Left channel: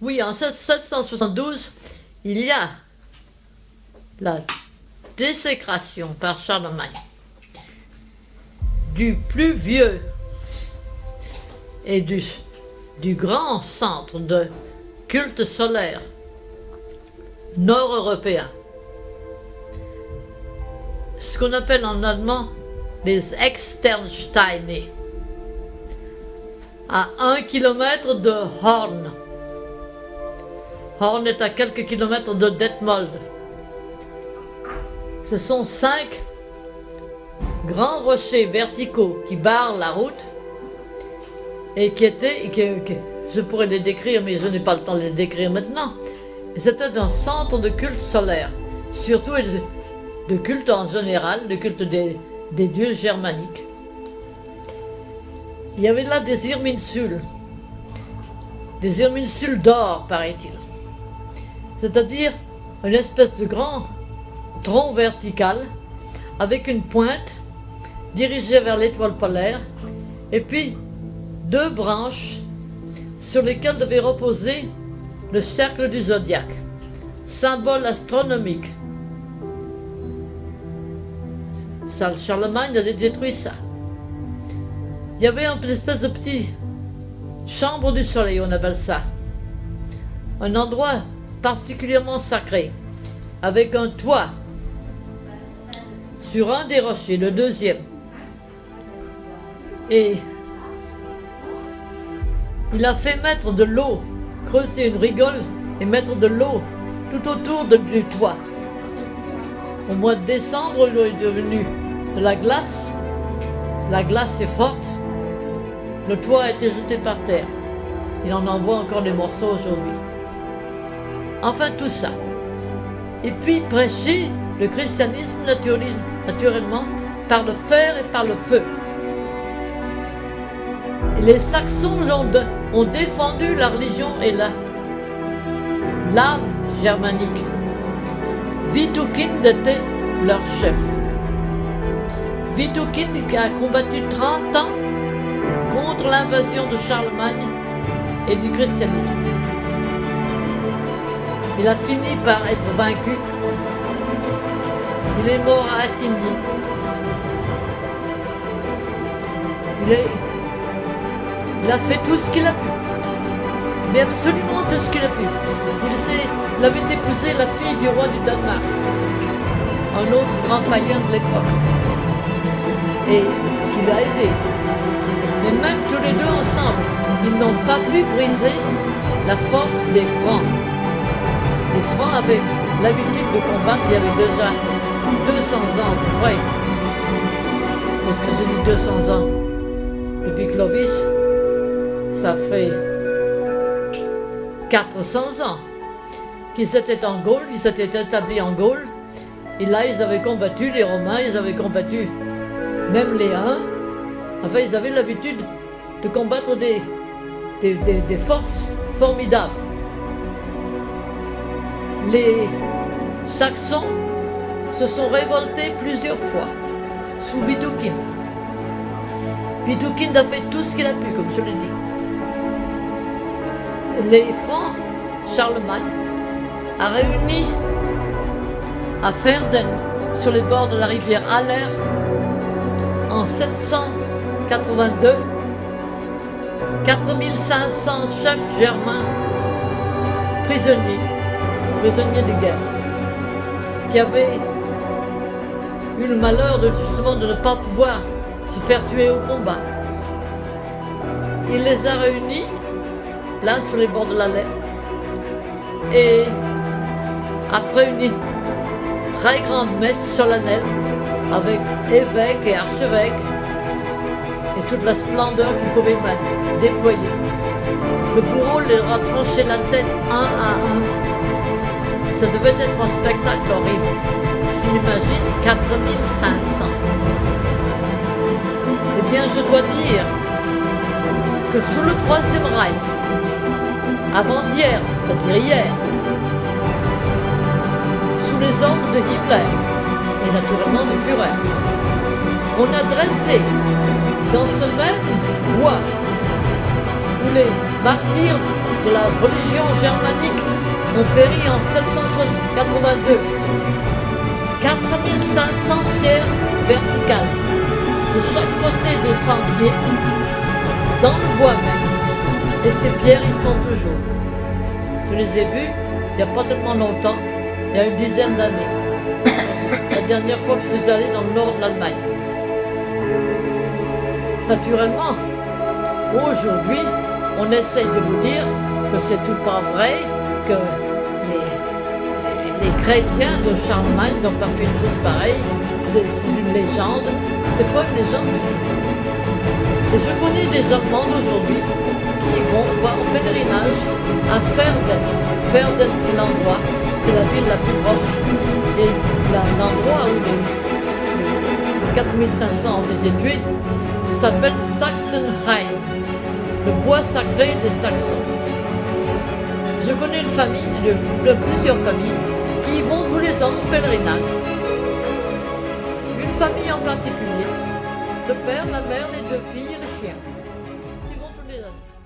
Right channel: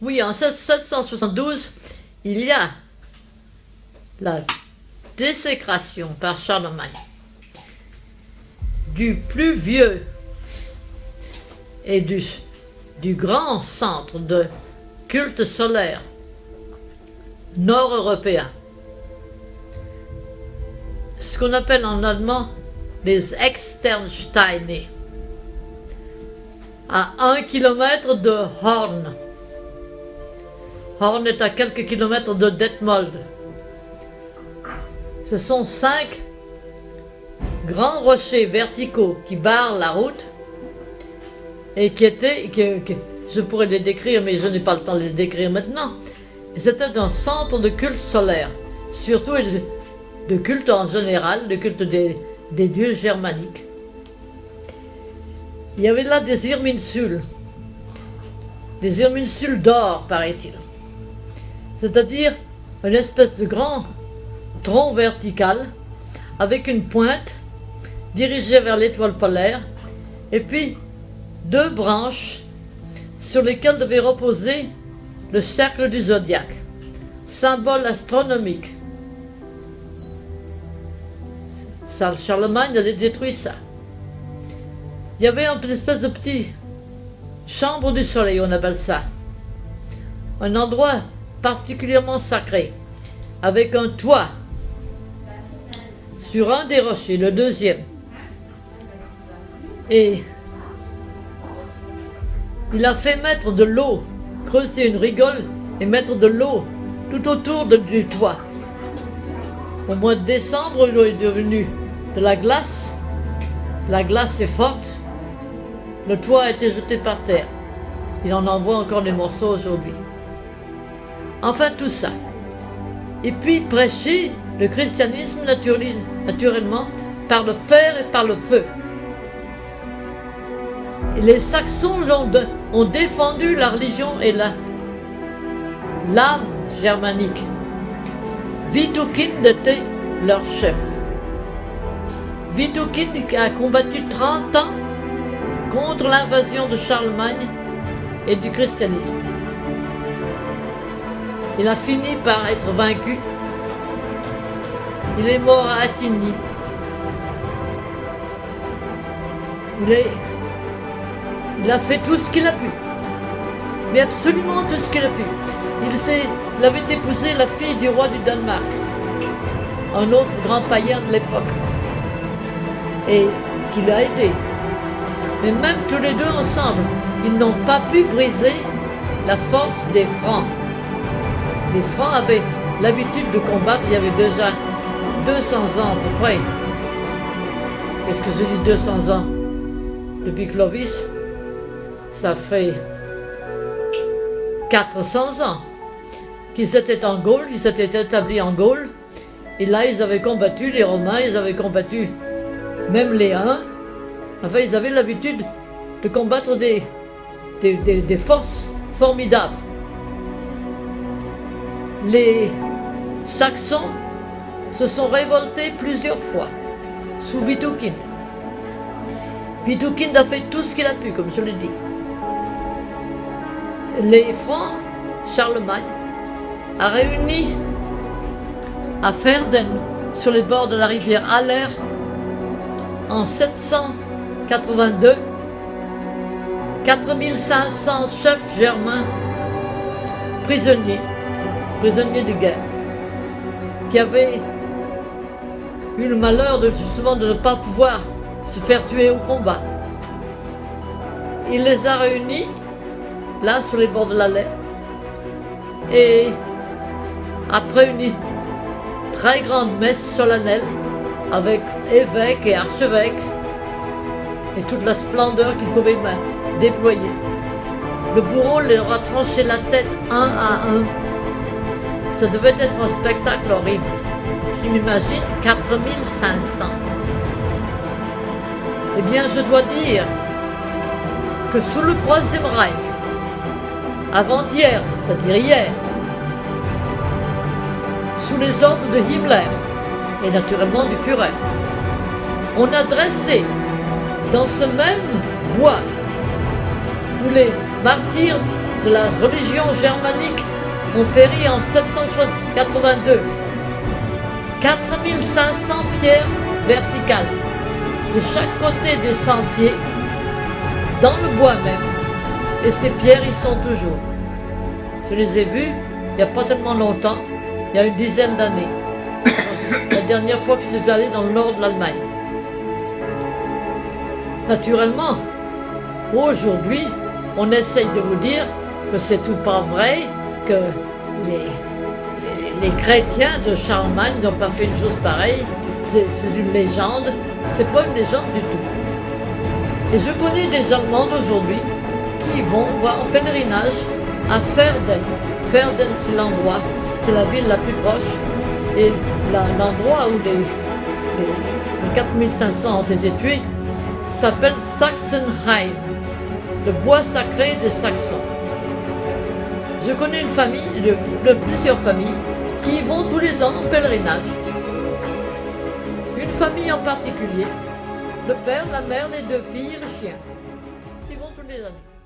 Oui, en 772, il y a la désécration par Charlemagne du plus vieux et du grand centre de culte solaire nord-européen, ce qu'on appelle en allemand les Externsteine, à 1 kilomètre de Horn. Horn est à quelques kilomètres de Detmold. Ce sont 5 grands rochers verticaux qui barrent la route et je pourrais les décrire, mais je n'ai pas le temps de les décrire maintenant. C'était un centre de culte solaire, surtout de culte en général, de culte des dieux germaniques. Il y avait là des irminsules d'or, paraît-il. C'est-à-dire une espèce de grand tronc vertical avec une pointe dirigée vers l'étoile polaire et puis 2 branches sur lesquelles devait reposer le cercle du zodiaque, symbole astronomique. Charlemagne a détruit ça. Il y avait une espèce de petit chambre du soleil, on appelle ça. Un endroit particulièrement sacré, avec un toit sur un des rochers, le deuxième. Et il a fait mettre de l'eau, creuser une rigole et mettre de l'eau tout autour du toit. Au mois de décembre, il est devenu de la glace. La glace est forte. Le toit a été jeté par terre. Il en envoie encore des morceaux aujourd'hui. Enfin, tout ça. Et puis prêcher le christianisme naturellement par le fer et par le feu. Et les Saxons ont défendu la religion et l'âme germanique. Widukind était leur chef. Widukind a combattu 30 ans contre l'invasion de Charlemagne et du christianisme. Il a fini par être vaincu. Il est mort à Attigny. Il a fait tout ce qu'il a pu. Mais absolument tout ce qu'il a pu. Il avait épousé la fille du roi du Danemark, un autre grand païen de l'époque, et qui l'a aidé. Mais même tous les deux ensemble, ils n'ont pas pu briser la force des Francs. Les Francs avaient l'habitude de combattre, il y avait déjà 200 ans à peu près. Parce que je dis 200 ans. Depuis Clovis, ça fait 400 ans qu'ils étaient en Gaule, qu'ils s'étaient établis en Gaule. Et là, ils avaient combattu les Romains, ils avaient combattu même les Huns. Enfin, ils avaient l'habitude de combattre des forces formidables. Les Saxons se sont révoltés plusieurs fois sous Widukind. Widukind a fait tout ce qu'il a pu, comme je l'ai dit. Les Francs, Charlemagne, a réuni à Verden, sur les bords de la rivière Aller, en 782, 4500 chefs germains prisonniers de guerre, qui avaient eu le malheur justement de ne pas pouvoir se faire tuer au combat. Il les a réunis là sur les bords de l'Aller, et après une très grande messe solennelle avec évêques et archevêques et toute la splendeur qu'ils pouvaient déployer, le bourreau leur a tranché la tête un à un. Ça devait être un spectacle horrible. Je m'imagine 4500. Eh bien, je dois dire que sous le Troisième Reich, avant-hier, c'est-à-dire hier, sous les ordres de Himmler et naturellement du Führer, on a dressé dans ce même bois où les martyrs de la religion germanique ont péri en 782. 4500 pierres verticales de chaque côté des sentiers, dans le bois même. Et ces pierres, ils sont toujours. Je les ai vues il n'y a pas tellement longtemps, il y a une dizaine d'années. La dernière fois que je suis allé dans le nord de l'Allemagne. Naturellement, aujourd'hui, on essaye de vous dire que c'est tout pas vrai, que les chrétiens de Charlemagne n'ont pas fait une chose pareille, c'est une légende, c'est pas une légende du tout. Et je connais des Allemands d'aujourd'hui qui vont voir en pèlerinage à Verden. Verden, c'est l'endroit, c'est la ville la plus proche, et l'endroit où les 4500 ont été tués s'appelle Sachsenheim, le bois sacré des Saxons. Je connais une famille, plusieurs familles, qui vont tous les ans en pèlerinage. Une famille en particulier, le père, la mère, les deux filles et le chien. Ils vont tous les ans.